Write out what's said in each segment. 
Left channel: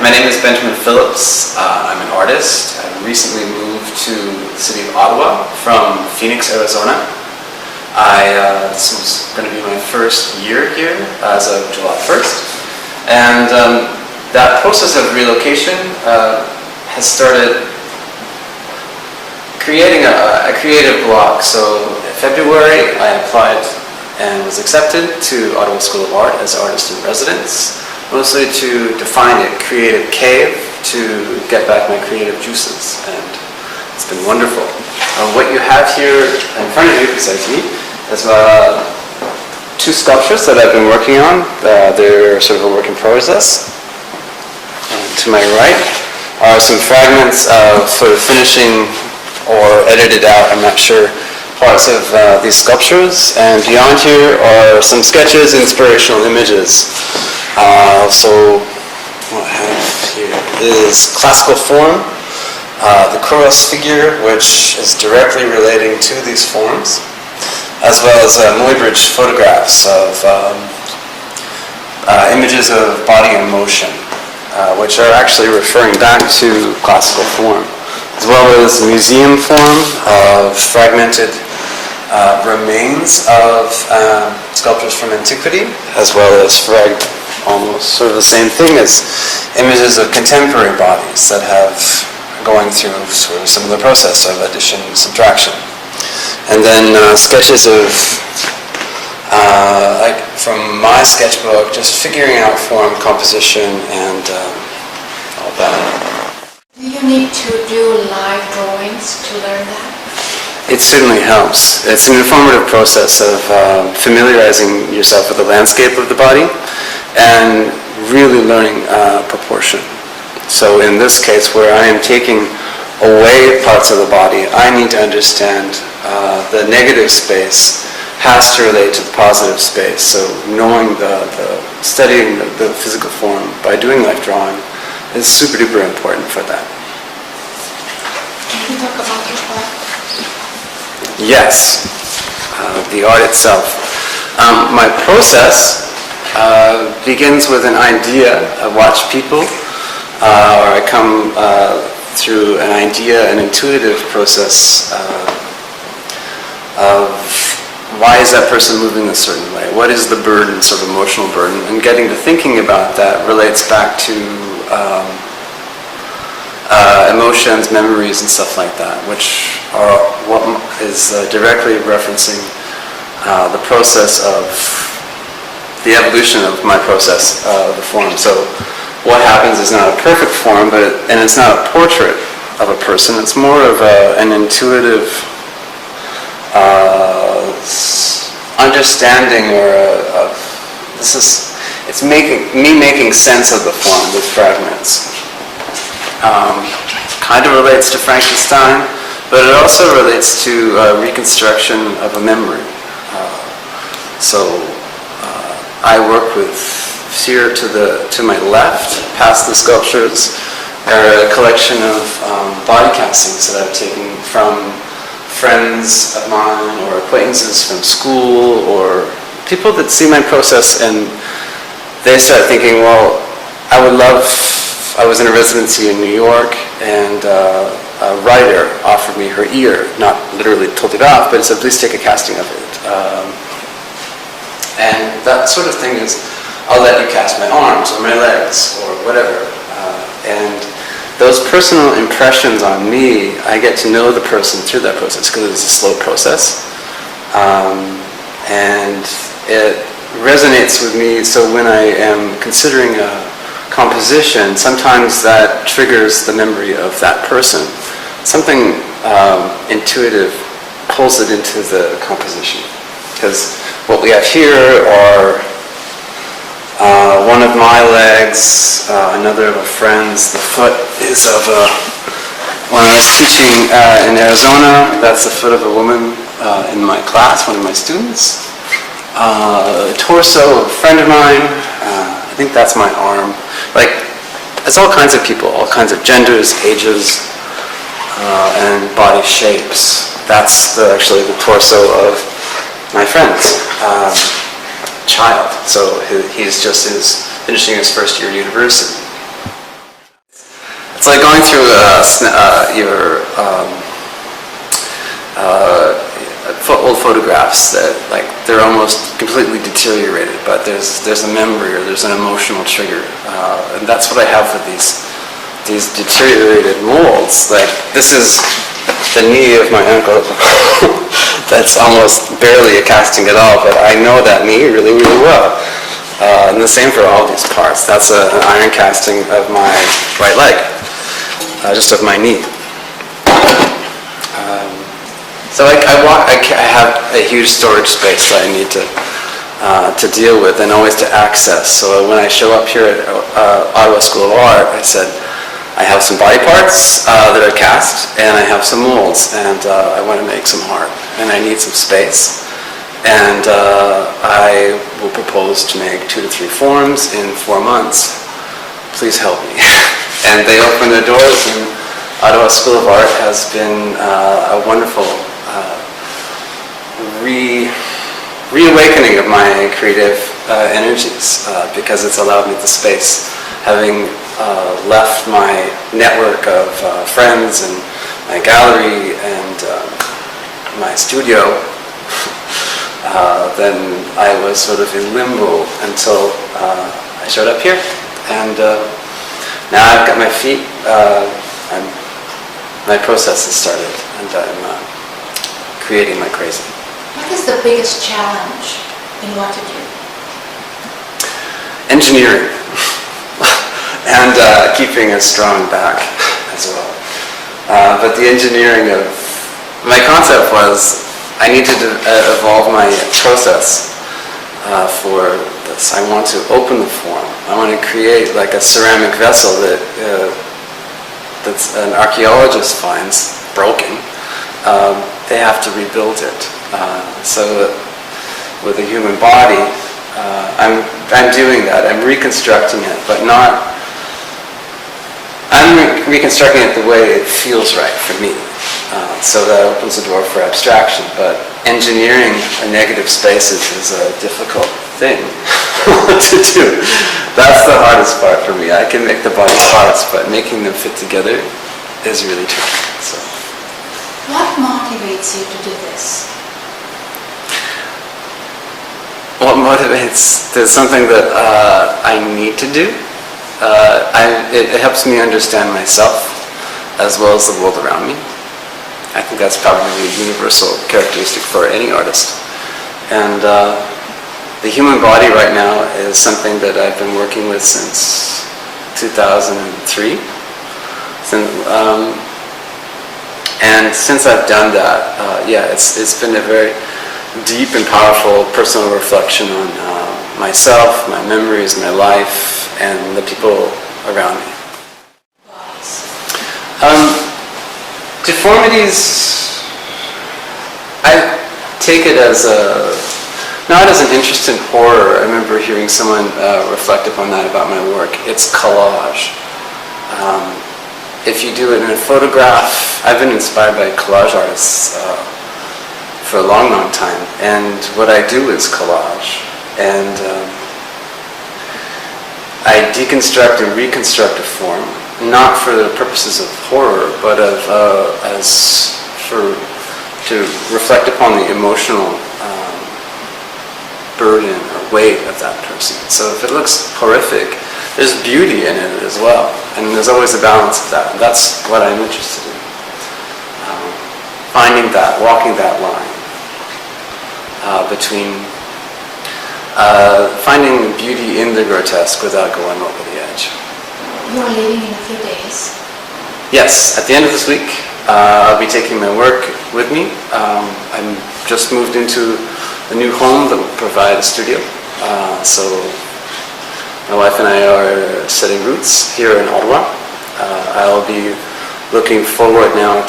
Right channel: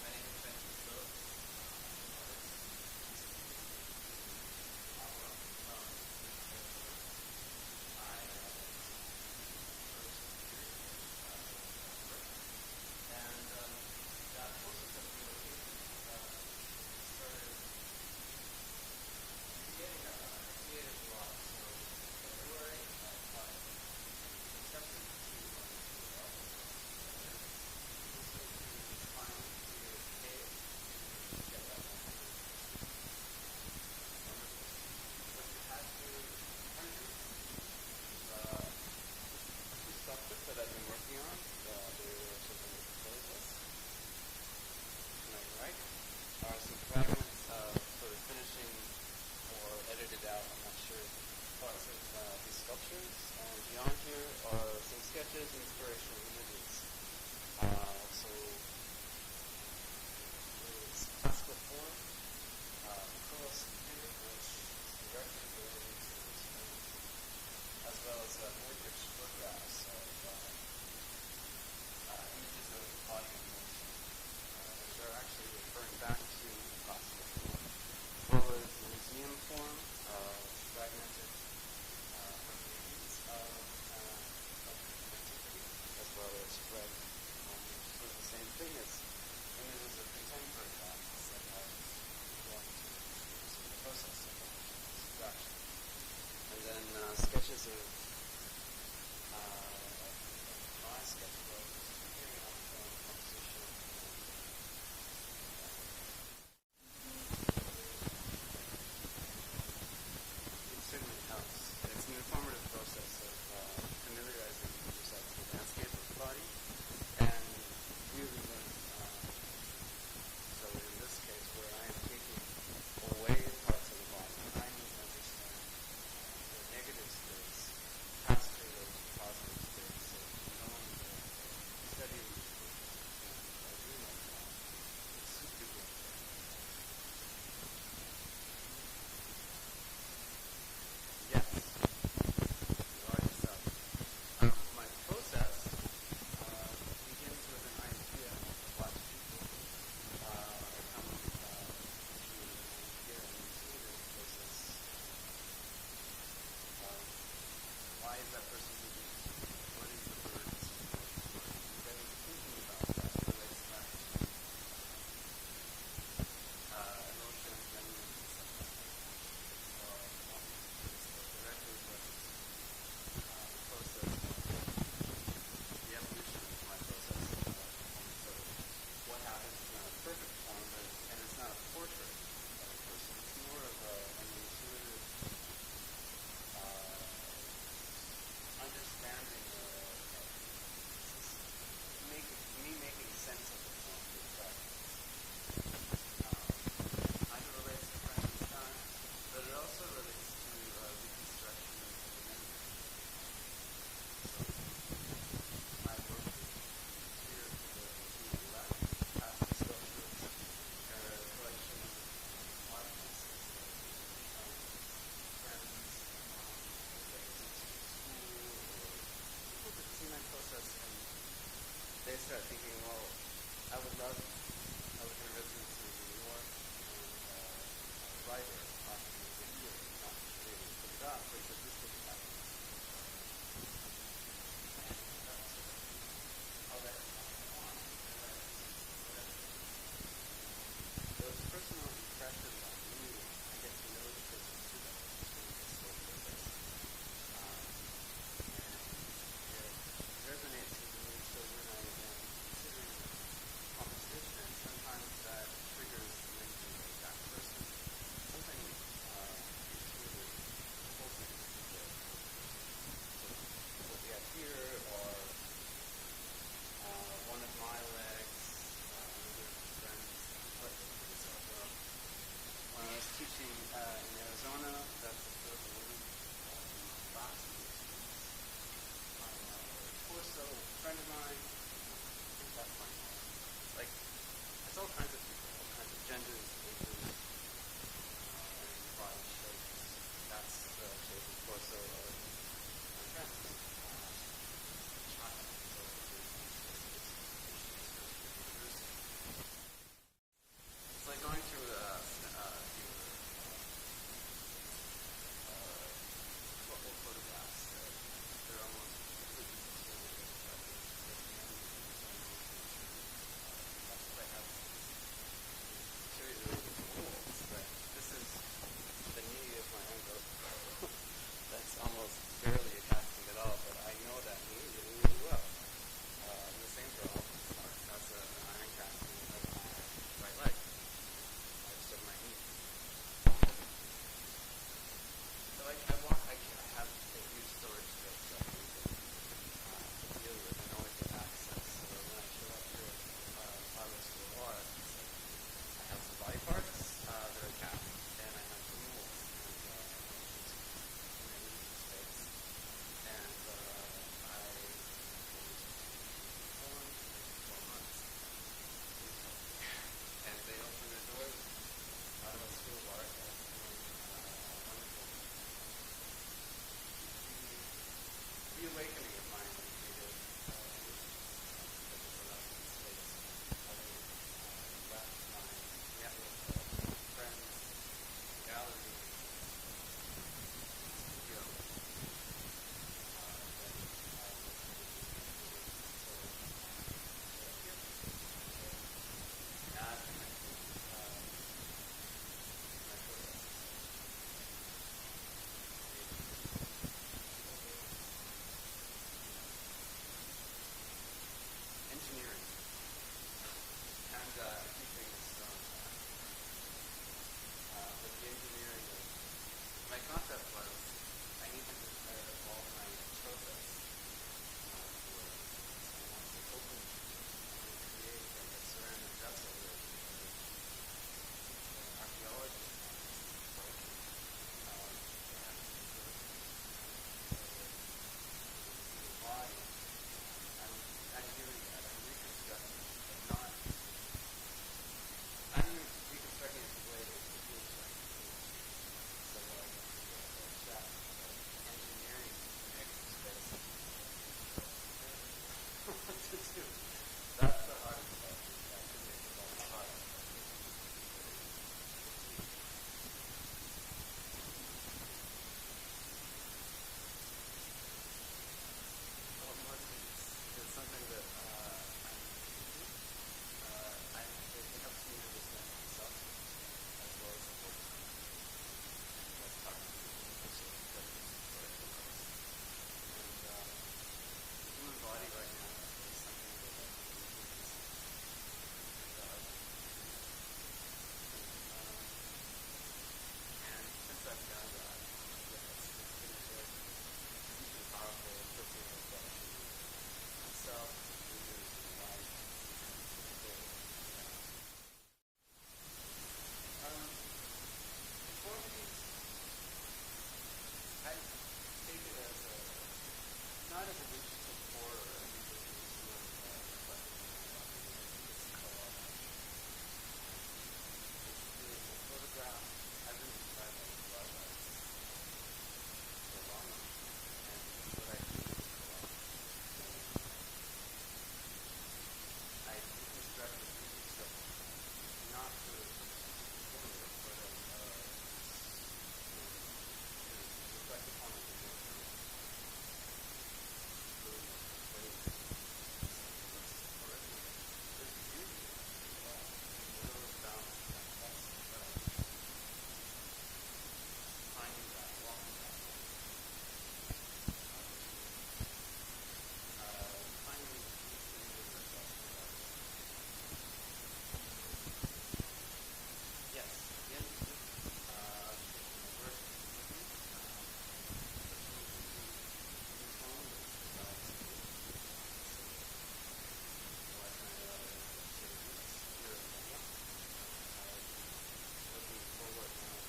my name is Benjamin Phillips. I'm an artist. I recently moved to the city of Ottawa from Phoenix, Arizona. This was going to be my first year here as of July 1st. And that process of relocation has started creating a creative block. So in February, I applied and was accepted to Ottawa School of Art as artist in residence, mostly to define a creative cave to get back my creative juices, and it's been wonderful. What you have here in front of you, beside me, is two sculptures that I've been working on. They're sort of a work in progress. And to my right are some fragments of sort of finishing or edited out, I'm not sure, parts of these sculptures, and beyond here are some sketches, inspirational images. So what I have here is classical form, the Kouros figure, which is directly relating to these forms, as well as Muybridge photographs of images of body in motion, which are actually referring back to classical form, as well as museum form of fragmented remains of sculptures from antiquity, as well as almost sort of the same thing as images of contemporary bodies that have going through sort of a similar process of addition and subtraction. And then sketches of, like from my sketchbook, just figuring out form, composition, and all that. Do you need to do live drawings to learn that? It certainly helps. It's an informative process of familiarizing yourself with the landscape of the body and really learning proportion. So in this case, where I am taking away parts of the body, I need to understand the negative space has to relate to the positive space. So knowing studying the physical form by doing life drawing is super duper important for that. Can you talk about your art? Yes, the art itself. My process begins with an idea. I watch people, or I come through an idea, an intuitive process of why is that person moving a certain way? What is the burden, sort of emotional burden? And getting to thinking about that relates back to emotions, memories, and stuff like that, which are what is directly referencing the process of the evolution of my process of the form. So what happens is not a perfect form, and it's not a portrait of a person. It's more of an intuitive understanding, or it's making sense of the form with fragments. Kind of relates to Frankenstein, but it also relates to reconstruction of a memory. I work with here to my left, past the sculptures, are a collection of body castings that I've taken from friends of mine or acquaintances from school, or people that see my process and they start thinking, well, I was in a residency in New York, and a writer offered me her ear, not literally told it off, but said, please take a casting of it. And that sort of thing is, I'll let you cast my arms or my legs or whatever. And those personal impressions on me, I get to know the person through that process because it's a slow process. And it resonates with me, so when I am considering a composition, sometimes that triggers the memory of that person. Something intuitive pulls it into the composition. Because what we have here are one of my legs, another of a friend's. The foot is of when I was teaching in Arizona, that's the foot of a woman in my class, one of my students. Torso of a friend of mine, I think that's my arm. Like, it's all kinds of people, all kinds of genders, ages, and body shapes. That's actually the torso of my friend's child. So he's just finishing his first year at university. It's like going through your old photographs that like they're almost completely deteriorated, but there's a memory or there's an emotional trigger, and that's what I have with these deteriorated molds. Like this is the knee of my uncle. That's almost barely a casting at all, but I know that knee really, really well. And the same for all these parts. That's an iron casting of my right leg, just of my knee. So I have a huge storage space that I need to deal with and always to access. So when I show up here at Ottawa School of Art, I said, I have some body parts that are cast, and I have some molds, and I want to make some art, and I need some space. And I will propose to make 2 to 3 forms in 4 months. Please help me. And they opened their doors, and Ottawa School of Art has been a wonderful reawakening of my creative energies because it's allowed me the space. Having left my network of friends and my gallery and my studio, then I was sort of in limbo until I showed up here. And now I've got my feet, my process has started, and I'm creating like crazy. What is the biggest challenge in what you do? Engineering. And keeping a strong back as well. But the engineering of my concept was I need to evolve my process for this. I want to open the form. I want to create like a ceramic vessel that an archaeologist finds broken. They have to rebuild it. So with the human body, I'm doing that. I'm reconstructing it, but not. I'm reconstructing it the way it feels right for me. So that opens the door for abstraction. But engineering a negative spaces is a difficult thing to do. That's the hardest part for me. I can make the body parts, but making them fit together is really tricky. So. What motivates you to do this? What motivates? There's something that I need to do. It helps me understand myself as well as the world around me. I think that's probably a universal characteristic for any artist. And the human body right now is something that I've been working with since 2003. And since I've done that, it's been a very deep and powerful personal reflection on myself, my memories, my life, and the people around me. Deformities, I take it as not as an interest in horror. I remember hearing someone reflect upon that about my work. It's collage. If you do it in a photograph, I've been inspired by collage artists for a long, long time. And what I do is collage. And I deconstruct and reconstruct a form, not for the purposes of horror, but to reflect upon the emotional burden or weight of that person. So if it looks horrific, there's beauty in it as well, and there's always a balance of that. And that's what I'm interested in. Finding that, walking that line between finding beauty in the grotesque without going over the edge. You are leaving in a few days. Yes, at the end of this week, I'll be taking my work with me. I'm just moved into a new home that will provide a studio. So my wife and I are setting roots here in Ottawa. I'll be looking forward now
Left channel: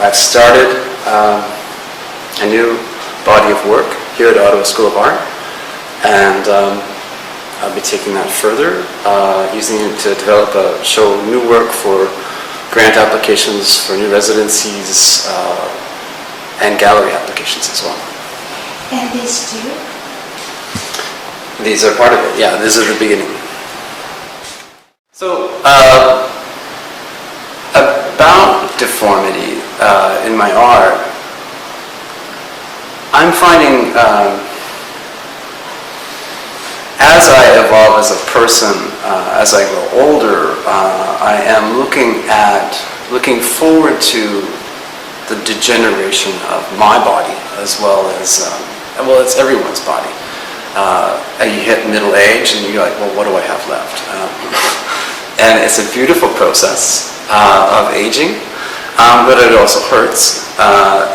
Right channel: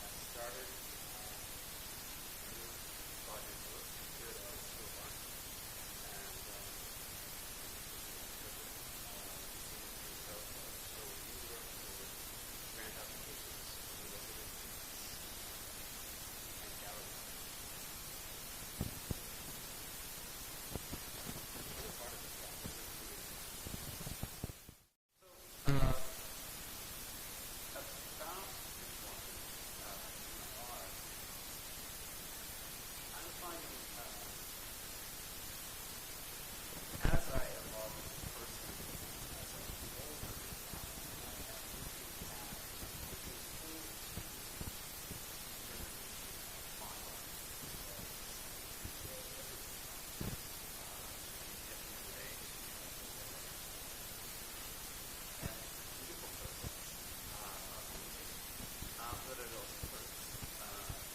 I've started a new body of work here at Ottawa School of Art. And I'll be taking that further, using it to show new work for grant applications for new residencies and gallery applications as well. And these two? These are part of it, yeah, this is the beginning. So, deformity in my art, I'm finding as I evolve as a person, as I grow older, I am looking forward to the degeneration of my body as well as it's everyone's body. You hit middle age and you're like, well, what do I have left? And it's a beautiful process of aging, but it also hurts,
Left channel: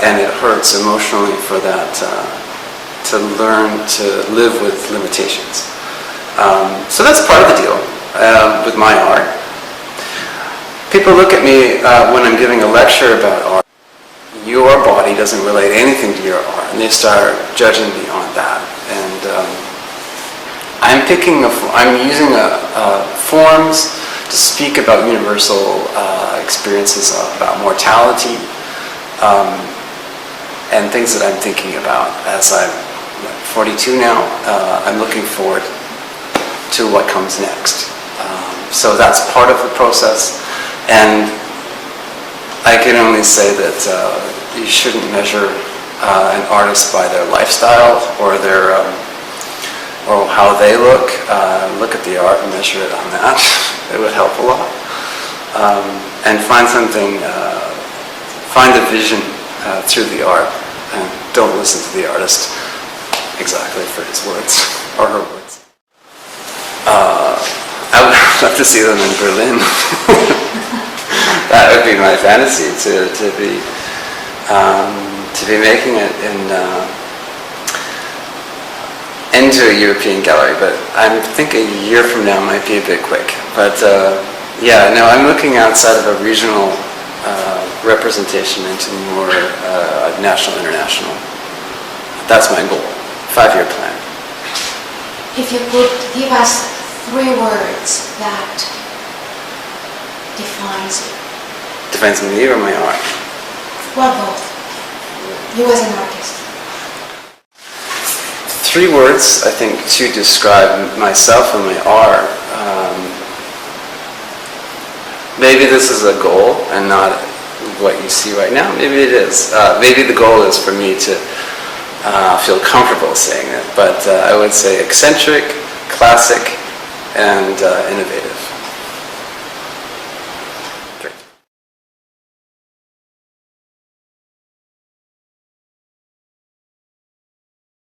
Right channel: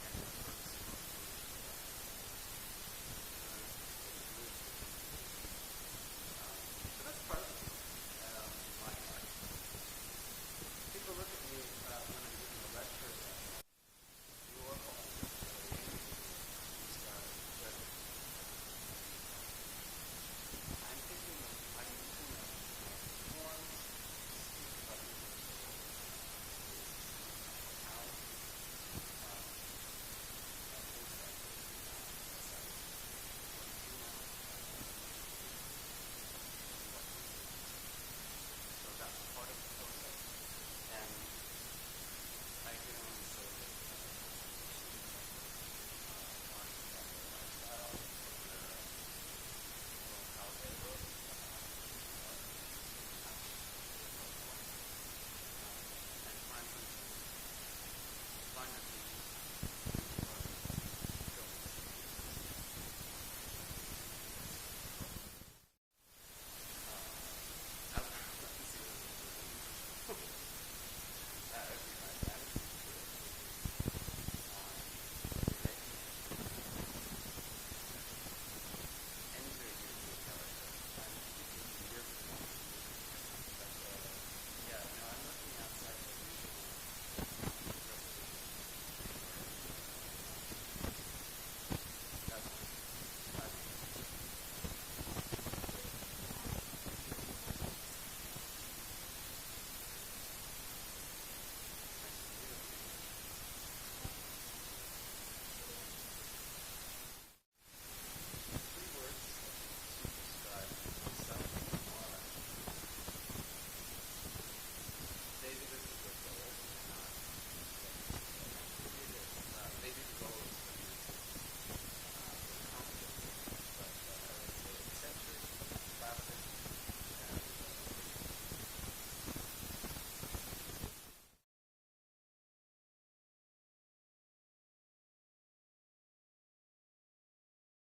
and it hurts emotionally for that to learn to live with limitations. So that's part of the deal with my art. People look at me when I'm giving a lecture about art. Your body doesn't relate anything to your art, and they start judging me on that. And I'm using forms to speak about universal experiences about mortality and things that I'm thinking about as I'm 42 now. I'm looking forward to what comes next. So that's part of the process, and I can only say that you shouldn't measure an artist by their lifestyle or their or how they look. Look at the art and measure it on that. It would help a lot. And find something, find a vision through the art, and don't listen to the artist exactly for his words or her words. I would love to see them in Berlin. That would be my fantasy, to be making it into a European gallery, but I think a year from now might be a bit quick. But yeah, no, I'm looking outside of a regional representation into more national, international. That's my goal, 5-year plan. If you could give us 3 words that defines you. Defines me or my art? Well, both. You as an artist. 3 words, I think, to describe myself and my art. Maybe this is a goal and not what you see right now. Maybe it is. Maybe the goal is for me to feel comfortable saying it. But I would say eccentric, classic, and innovative.